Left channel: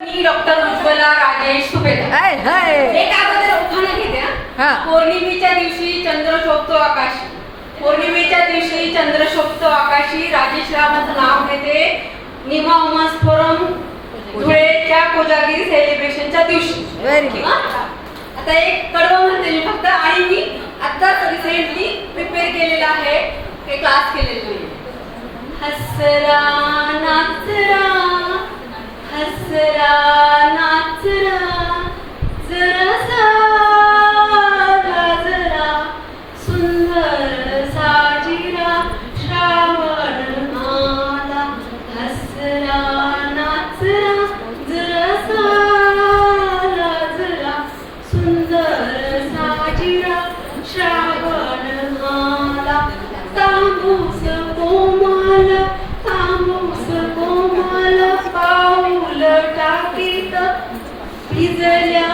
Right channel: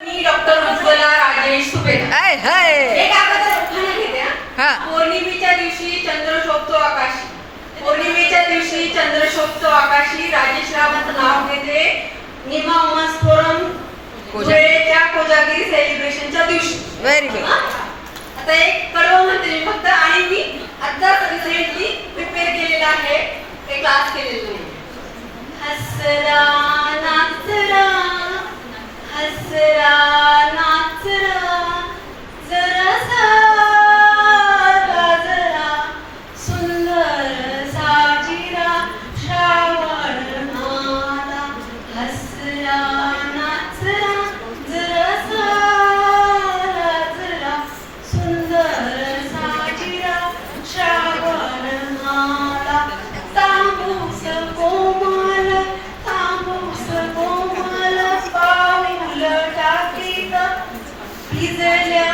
मी doctor Ujjwala Rajesh Supekar. एक अगोदर उखाणा घेते हा. पौर्णिमेच्या दिवशी चंद्र शोभतो आकाशी. पौर्णिमेच्या दिवशी चंद्र शोभतो आकाशी. राजेश रावांचं नाव घेते. निमा उमास फोरम धुळेच्या कोजागिरी सेलिब्रेशनच्या दिवशी. Very good. आता एक कडवं म्हणते मी फक्त, आणि मी आत्ताच रिसेंटली प्रिपेअर केलेला आहे, हे क्लास केलेलं नाही. हसरा नाचरा हसरा नाचरा जरा सारा जरा सुंदर साजिरा श्रावण आला. हसरा नाचरा जरा सारा जरा सुंदर साजिरा श्रावण आला. तांबूस कोमल तांबूस कोमल पाऊल टाकीत भिजल्या